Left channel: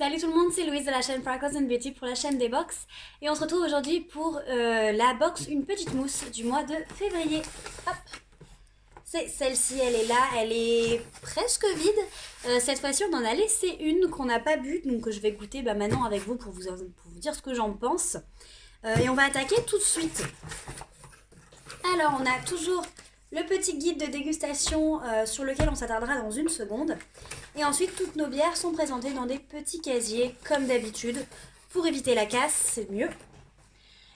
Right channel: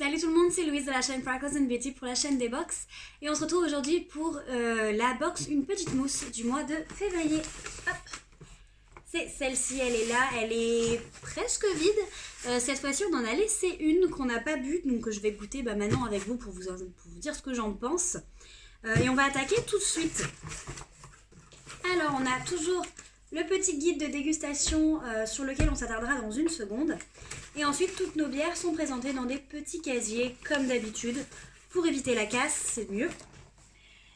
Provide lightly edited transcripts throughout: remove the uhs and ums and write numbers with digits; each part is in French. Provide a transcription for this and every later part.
Salut tout le monde, c'est Louise de la chaîne Freckles and Beauty pour la chaîne des box. Et on se retrouve aujourd'hui pour la box Une Petite Mousse du mois de février. Hop. C'est celle-ci, elle est là, elle est presque vide. Cette fois-ci, on en a laissé une qu'on n'a pas bu, donc je vais goûter maintenant avec vous pour vous dire ce que j'en pense. Et on va attaquer tout de suite. Alors, on a toujours le petit guide de dégustation sur lequel on s'attardera dans une seconde. Et ensuite, toutes nos bières sont présentées dans des petits casiers, comme d'habitude, pour éviter la casse, c'est mieux.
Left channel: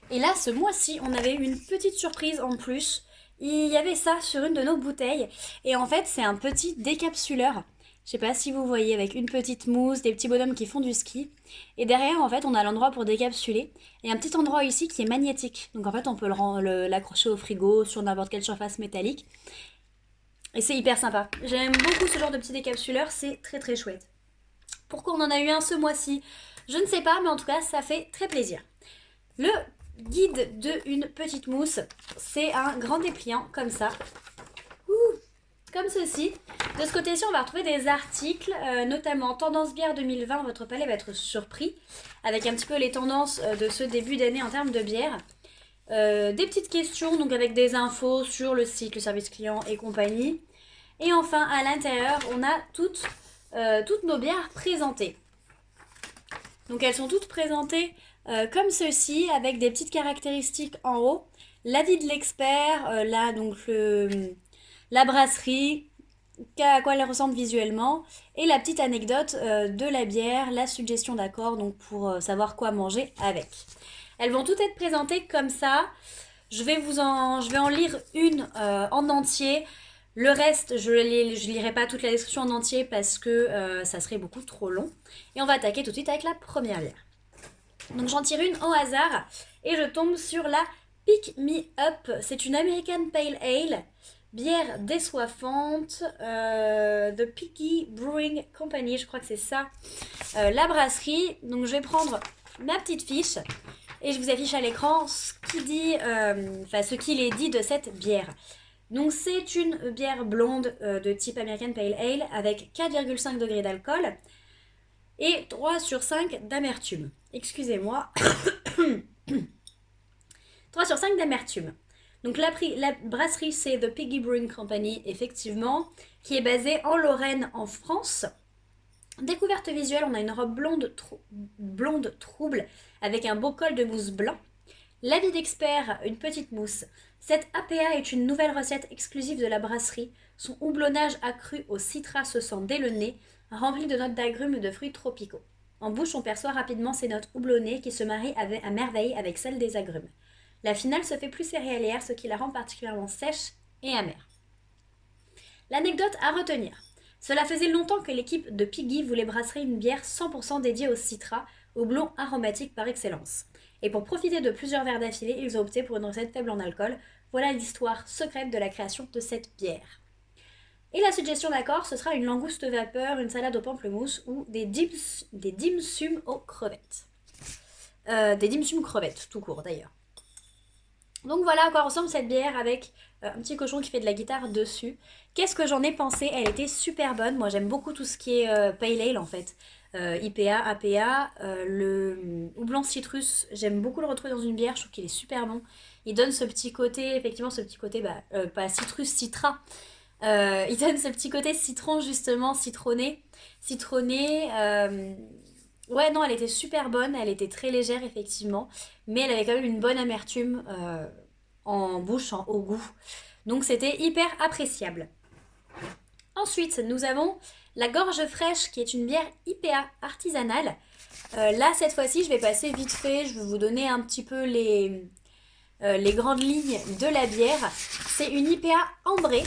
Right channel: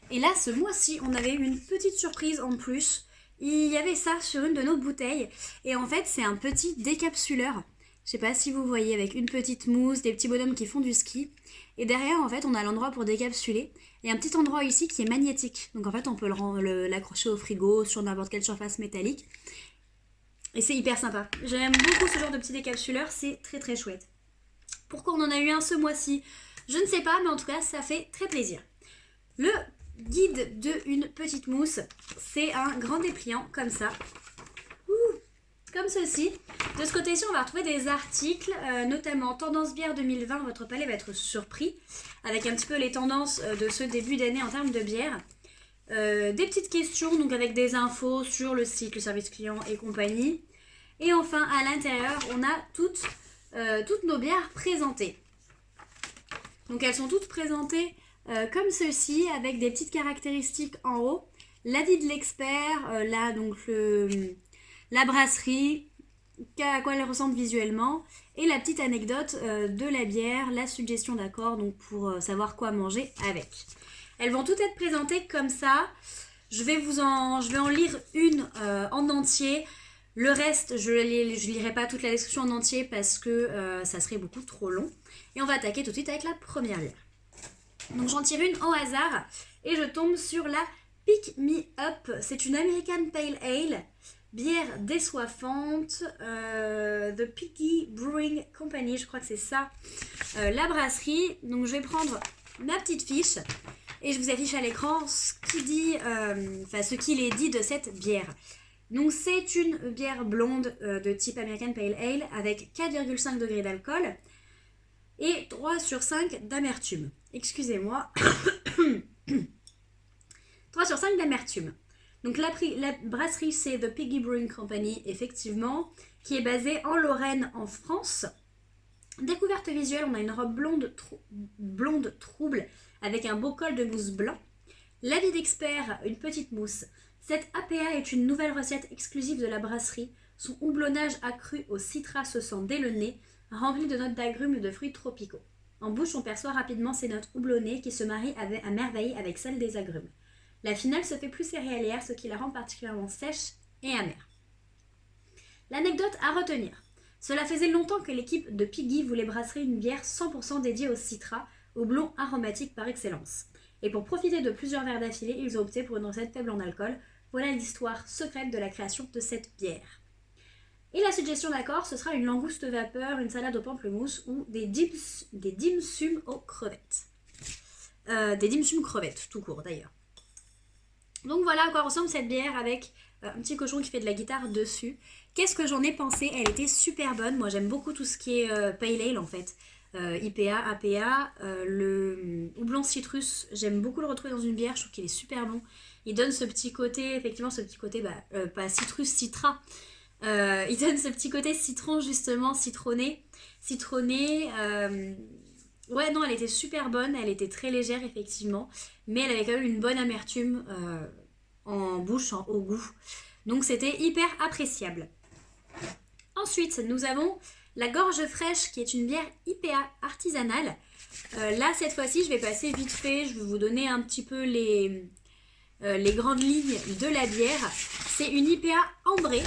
Et là, ce mois-ci, on avait une petite surprise en plus. Il y avait ça sur une de nos bouteilles. Et en fait, c'est un petit décapsuleur. Je sais pas si vous voyez, avec une petite mousse, des petits bonhommes qui font du ski. Et derrière, en fait, on a l'endroit pour décapsuler. Et un petit endroit ici qui est magnétique. Donc en fait, on peut l'accrocher au frigo, sur n'importe quelle surface métallique. Et c'est hyper sympa. J'aime beaucoup ce genre de petit décapsuleur, c'est très très chouette. Pourquoi on en a eu un ce mois-ci? Je ne sais pas, mais en tout cas, ça fait très plaisir. Le guide de Une Petite Mousse, c'est un grand dépliant comme ça. Comme ceci. De ce côté-ci, on va retrouver des articles, notamment Tendance Bière 2020, votre palais va être surpris, avec un petit peu les tendances de ce début d'année en termes de bière. Des petites questions, donc avec des infos sur le site, le service client et compagnie. Et enfin, à l'intérieur, on a toutes nos bières présentées. Donc elles sont toutes présentées comme ceci, avec des petites caractéristiques en haut. L'avis de l'expert, là donc la brasserie, à quoi elle ressemble visuellement, et la petite anecdote de la bière, la suggestion d'accord, donc pour savoir quoi manger avec. Elles vont toutes être présentées comme ça. Je vais en lire une en entier. Le reste, je lirai pas toute la description en entier parce que ça serait beaucoup trop long. Et on va attaquer tout de suite avec la première bière. Donc j'en tire une au hasard et je tombe sur la Pick Me Up. C'est une American Pale Ale, bière désoiffante de Piggy Brewing Company, je crois que c'est ça, la brasserie. Donc je vais prendre ma petite fiche et je vous affiche à l'écran ce qu'il est dit de cette bière. Donc c'est une bière blonde de type American Pale Ale avec 4,5 degrés d'alcool et 3 sur 5 d'amertume. Excusez-moi. 3 sur 5 d'amertume. Donc la brasserie c'est The Piggy Brewing Company, effectivement, qui est basée en Lorraine en France. Découverte visuelle, on a une robe blonde trouble avec un beau col de mousse blanc. L'avis d'expert, une petite mousse. Cette APA est une nouvelle recette exclusive de la brasserie. Son houblonnage accru au citras se sent dès le nez, rempli de notes d'agrumes et de fruits tropicaux. En bouche, on perçoit rapidement ces notes houblonnées qui se marient à merveille avec celles des agrumes. La finale se fait plus céréalière, ce qui la rend particulièrement sèche et amère. L'anecdote à retenir. Cela faisait longtemps que l'équipe de Piggy voulait brasser une bière 100% dédiée au citras, houblon aromatique par excellence. Et pour profiter de plusieurs verres d'affilée, ils ont opté pour une recette faible en alcool. Voilà l'histoire secrète de la création de cette bière. Et la suggestion d'accord, ce sera une langouste vapeur, une salade au pamplemousse ou des dim sum aux crevettes. Des dim sum crevettes, tout court d'ailleurs. Donc voilà à quoi ressemble cette bière avec un petit cochon qui fait de la guitare dessus. Qu'est-ce que j'en ai pensé? Elle était super bonne. Moi j'aime beaucoup tout ce qui est pale ale en fait. IPA, APA, le houblon citrus, j'aime beaucoup le retrouver dans une bière, je trouve qu'il est super bon. Il donne ce petit côté, effectivement ce petit côté, pas citrus, citra. Il donne ce petit côté citron justement, citronné. Ouais non, elle était super bonne, elle était très légère effectivement, mais elle avait quand même une bonne amertume en bouche, au goût. Donc c'était hyper appréciable. Ensuite, nous avons la Gorge Fraîche qui est une bière IPA artisanale. Là, cette fois-ci, je vais passer vite fait. Je vais vous donner un petit peu les grandes lignes de la bière. C'est une IPA ambrée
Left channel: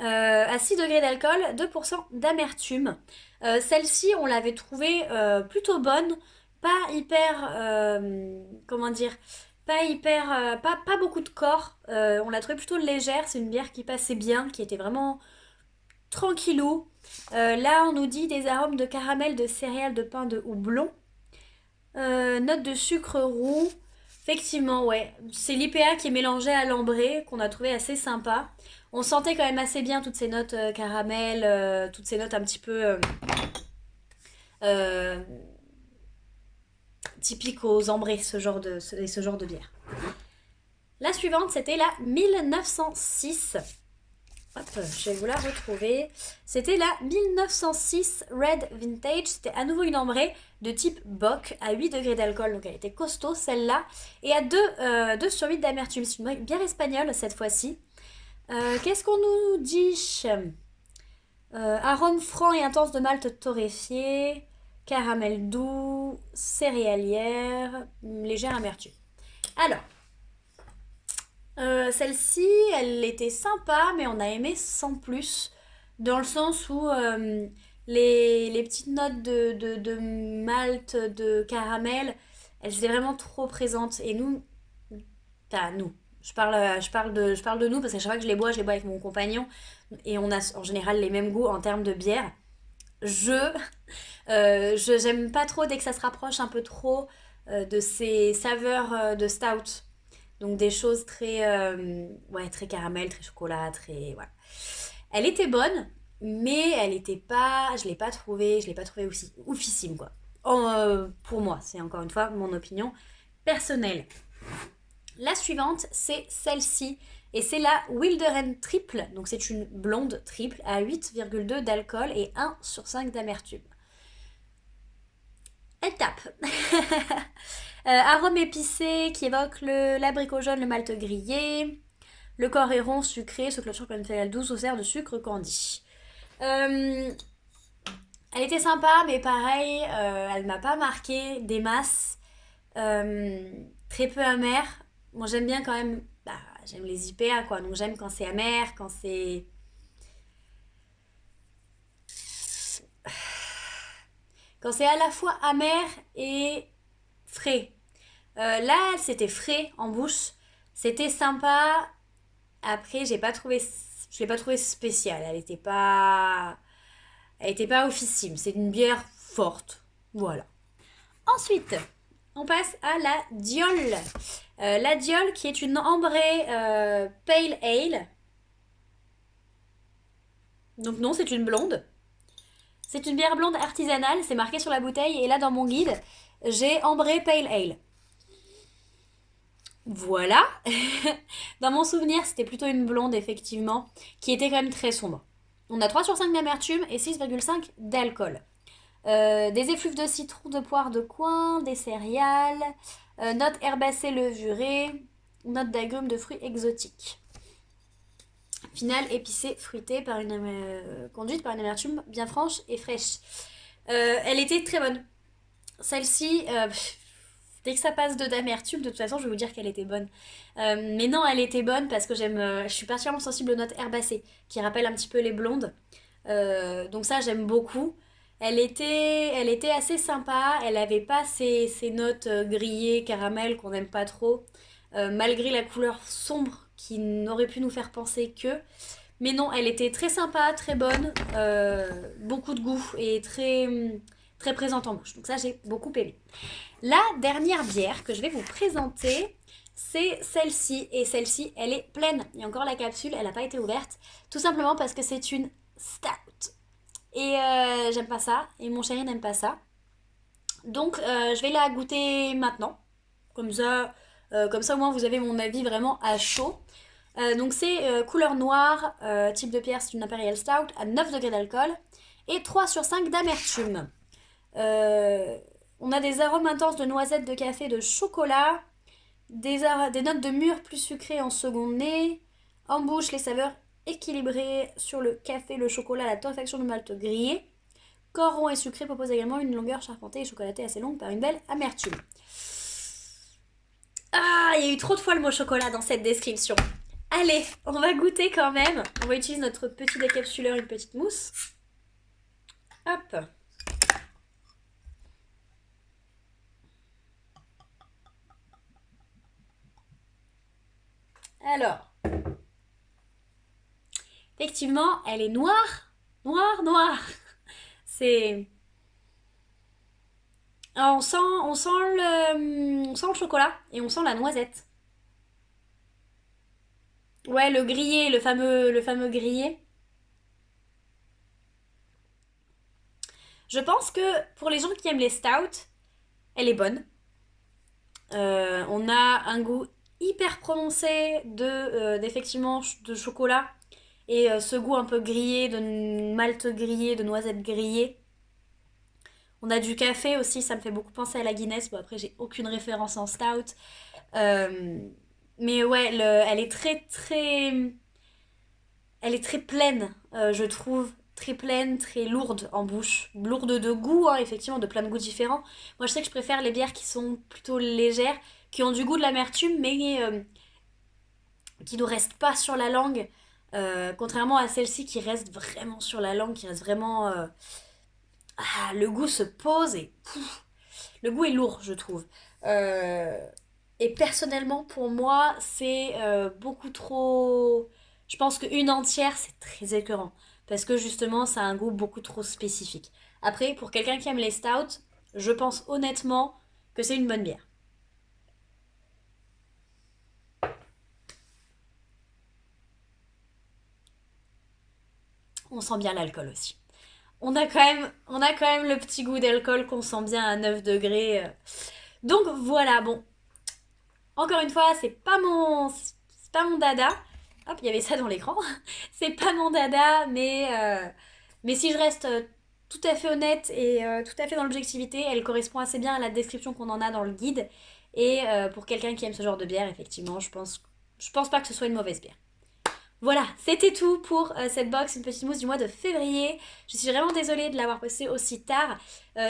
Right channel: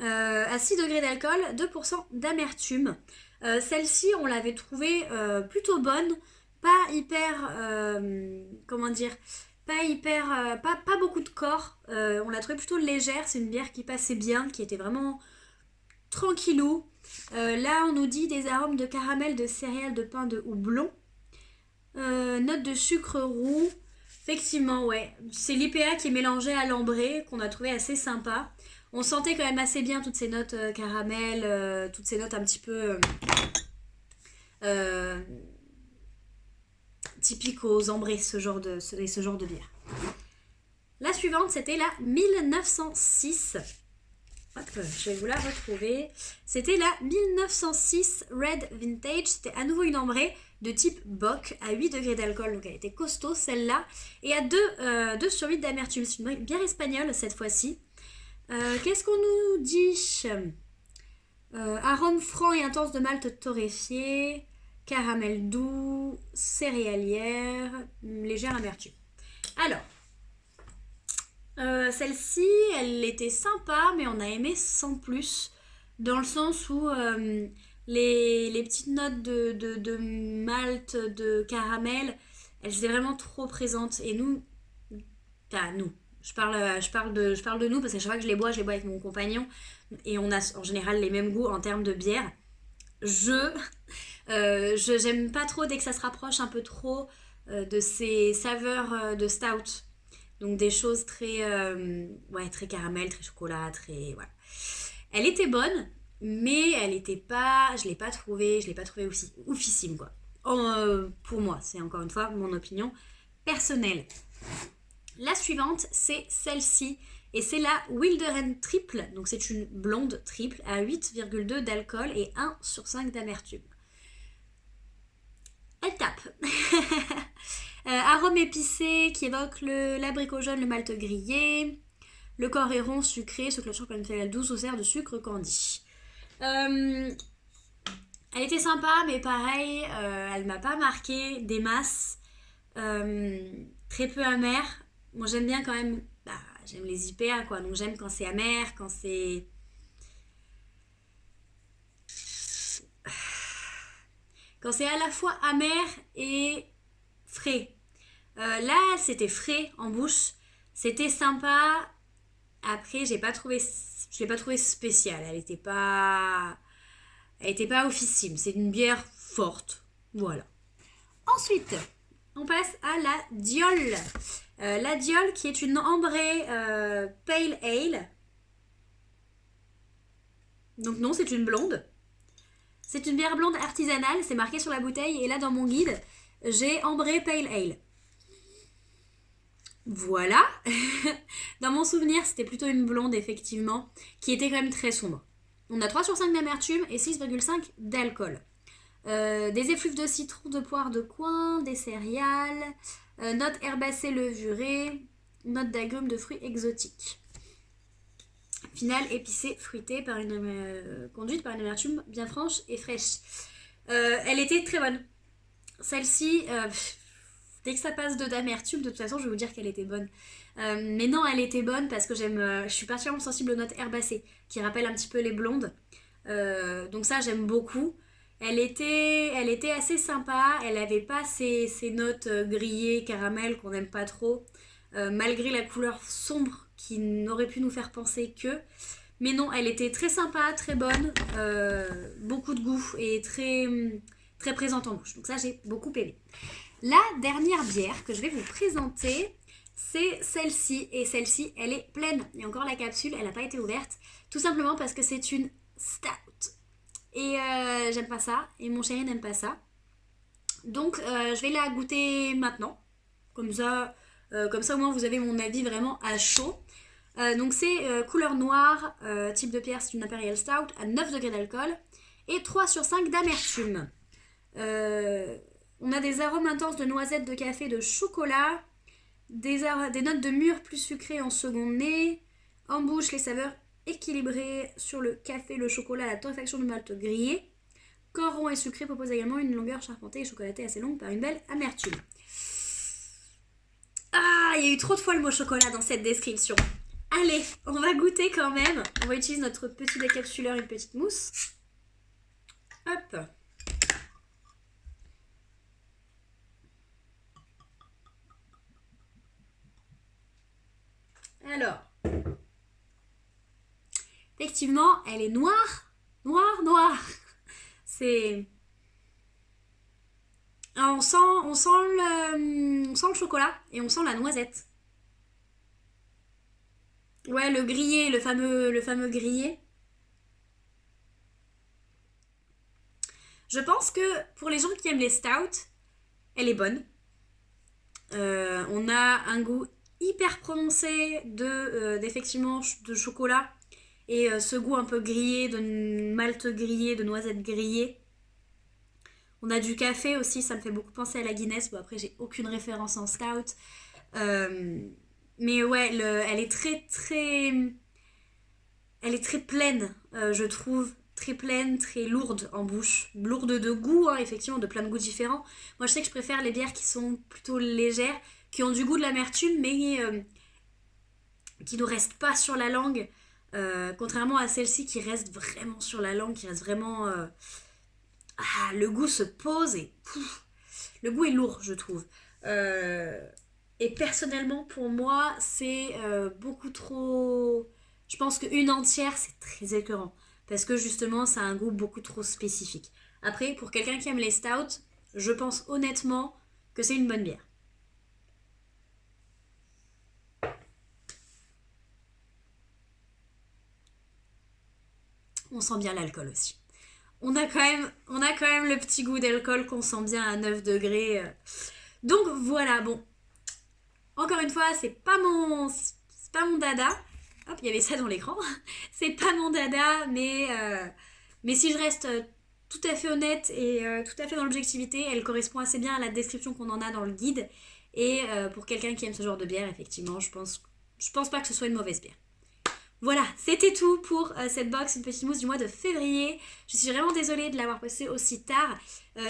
à 6 degrés d'alcool, 2% d'amertume. Celle-ci, on l'avait trouvée plutôt bonne. Pas hyper... pas beaucoup de corps. On l'a trouvée plutôt légère. C'est une bière qui passait bien, qui était vraiment tranquillou. Là, on nous dit des arômes de caramel, de céréales, de pain, de houblon. Note de sucre roux. Effectivement, ouais. C'est l'IPA qui est mélangé à l'ambré, qu'on a trouvé assez sympa. On sentait quand même assez bien toutes ces notes caramel, toutes ces notes un petit peu typique aux ambrés, ce genre de bière. La suivante, c'était la 1906. Hop, je vais vous la retrouver. C'était la 1906 Red Vintage. C'était à nouveau une ambrée de type Bock à 8 degrés d'alcool. Donc elle était costaud celle-là. Et à 2 sur 8 d'amertume. C'est une bière espagnole cette fois-ci. Qu'est-ce qu'on nous dit? Arôme franc et intense de malt torréfié. Caramel doux. Céréalière. Légère amertume. Alors. Celle-ci, elle était sympa, mais on a aimé sans plus. Dans le sens où les petites notes de malt, de caramel, elles étaient vraiment trop présentes. Et nous, enfin nous, je parle de nous parce qu'à chaque fois que je les bois avec mon compagnon. Et on a en général les mêmes goûts en termes de bière. J'aime pas trop dès que ça se rapproche un peu trop de ces saveurs de stout. Donc des choses très caramel, très chocolat, très voilà. Elle était bonne, mais je l'ai pas trouvée aussi oufissime quoi. Pour moi, c'est encore une fois mon opinion personnelle. La suivante, c'est celle-ci. Et c'est la Wilderen Triple. Donc c'est une blonde triple à 8,2 d'alcool et 1 sur 5 d'amertume. Elle tape. Arôme épicé qui évoque l'abricot jaune, le malt grillé. Le corps est rond, sucré, se clôture par une feuille douce au cerf de sucre candi. Elle était sympa, mais pareil, elle m'a pas marqué des masses. Très peu amère. Moi j'aime bien quand même, j'aime les IPA quoi, donc j'aime quand c'est amer, quand c'est à la fois amer et frais. Là, c'était frais en bouche, c'était sympa. Après, je l'ai pas trouvé spéciale. Elle était pas officime. C'est une bière forte, voilà. Ensuite, on passe à la Diol. La Diol qui est une ambrée pale ale. Donc non, c'est une blonde. C'est une bière blonde artisanale, c'est marqué sur la bouteille. Et là, dans mon guide, j'ai ambrée pale ale. Voilà. Dans mon souvenir, c'était plutôt une blonde, effectivement, qui était quand même très sombre. On a 3 sur 5 d'amertume et 6,5 d'alcool. Des effluves de citron, de poire de coin, des céréales, notes herbacées levurées, notes d'agrumes de fruits exotiques. Finale épicée, fruitée, conduite par une amertume bien franche et fraîche. Elle était très bonne. Celle-ci, dès que ça passe d'amertume, de toute façon, je vais vous dire qu'elle était bonne. Mais non, elle était bonne parce que je suis particulièrement sensible aux notes herbacées, qui rappellent un petit peu les blondes. Donc ça, j'aime beaucoup. Elle était assez sympa. Elle avait pas ces notes grillées, caramel qu'on n'aime pas trop. Malgré la couleur sombre qui n'aurait pu nous faire penser que. Mais non, elle était très sympa, très bonne, beaucoup de goût et très, très présente en bouche. Donc ça, j'ai beaucoup aimé. La dernière bière que je vais vous présenter, c'est celle-ci. Et celle-ci, elle est pleine. Et encore la capsule, elle n'a pas été ouverte. Tout simplement parce que c'est une stout. Et j'aime pas ça. Et mon chéri n'aime pas ça. Donc je vais la goûter maintenant. Comme ça au moins vous avez mon avis vraiment à chaud. Donc c'est couleur noire, type de bière, c'est une Imperial Stout à 9 degrés d'alcool et 3 sur 5 d'amertume. On a des arômes intenses de noisettes, de café, de chocolat, des notes de mûre plus sucrées en second nez, en bouche les saveurs équilibrées sur le café, le chocolat, la torréfaction du malt grillé. Corps rond et sucré propose également une longueur charpentée et chocolatée assez longue par une belle amertume. Ah, il y a eu trop de fois le mot chocolat dans cette description. Allez, on va goûter quand même. On va utiliser notre petit décapsuleur, une petite mousse. Hop. Alors. Effectivement, elle est noire. Noire. C'est... On sent le chocolat et on sent la noisette. Ouais, le grillé, le fameux grillé. Je pense que pour les gens qui aiment les stouts, elle est bonne. On a un goût hyper prononcé d'effectivement de chocolat et ce goût un peu grillé, de malt grillé, de noisettes grillées. On a du café aussi, ça me fait beaucoup penser à la Guinness. Bon, après, j'ai aucune référence en stout. Euh, mais ouais, elle est elle est très pleine, je trouve. Très pleine, très lourde en bouche. Lourde de goût, hein, effectivement, de plein de goûts différents. Moi, je sais que je préfère les bières qui sont plutôt légères, qui ont du goût de l'amertume, mais qui ne restent pas sur la langue. Contrairement à celle-ci qui reste vraiment sur la langue, qui reste vraiment... le goût se pose et... le goût est lourd, je trouve. Et personnellement, pour moi, c'est beaucoup trop... Je pense qu'une entière, c'est très écœurant. Parce que justement, ça a un goût beaucoup trop spécifique. Après, pour quelqu'un qui aime les stouts, je pense honnêtement que c'est une bonne bière. On sent bien l'alcool aussi. On a quand même le petit goût d'alcool qu'on sent bien à 9 degrés. Donc voilà, bon. Encore une fois, c'est pas mon dada. Hop, il y avait ça dans l'écran. C'est pas mon dada, mais si je reste tout à fait honnête et tout à fait dans l'objectivité, elle correspond assez bien à la description qu'on en a dans le guide. Et pour quelqu'un qui aime ce genre de bière, effectivement, je pense pas que ce soit une mauvaise bière. Voilà, c'était tout pour cette box, une petite mousse du mois de février. Je suis vraiment désolée de l'avoir postée aussi tard.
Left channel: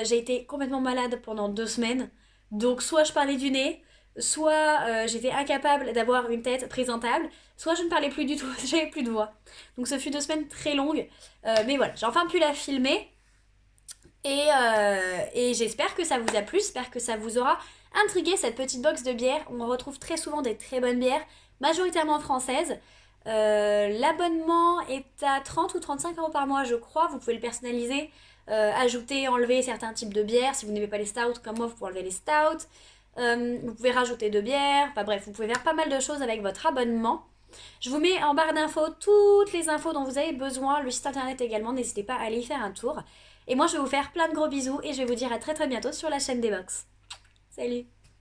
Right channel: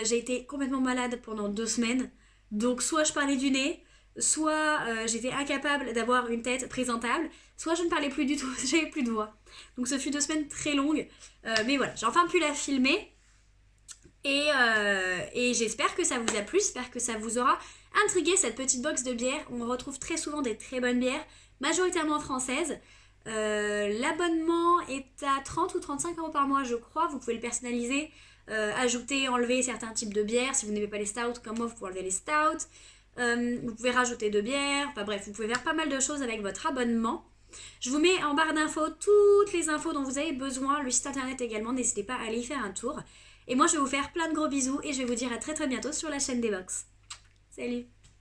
J'ai été complètement malade pendant 2 semaines. Donc soit je parlais du nez, soit j'étais incapable d'avoir une tête présentable, soit je ne parlais plus du tout, j'avais plus de voix. Donc ce fut 2 semaines très longues. Mais voilà, j'ai enfin pu la filmer. Et j'espère que ça vous a plu, j'espère que ça vous aura intrigué cette petite box de bière. On retrouve très souvent des très bonnes bières, majoritairement françaises. L'abonnement est à 30 ou 35 euros par mois, je crois. Vous pouvez le personnaliser, ajouter, enlever certains types de bières. Si vous n'aimez pas les stouts, comme moi, vous pouvez enlever les stouts. Vous pouvez rajouter de bières. Enfin bref, vous pouvez faire pas mal de choses avec votre abonnement. Je vous mets en barre d'infos toutes les infos dont vous avez besoin, le site internet également. N'hésitez pas à aller y faire un tour. Et moi, je vais vous faire plein de gros bisous et je vais vous dire à très très bientôt sur la chaîne des Box. Salut!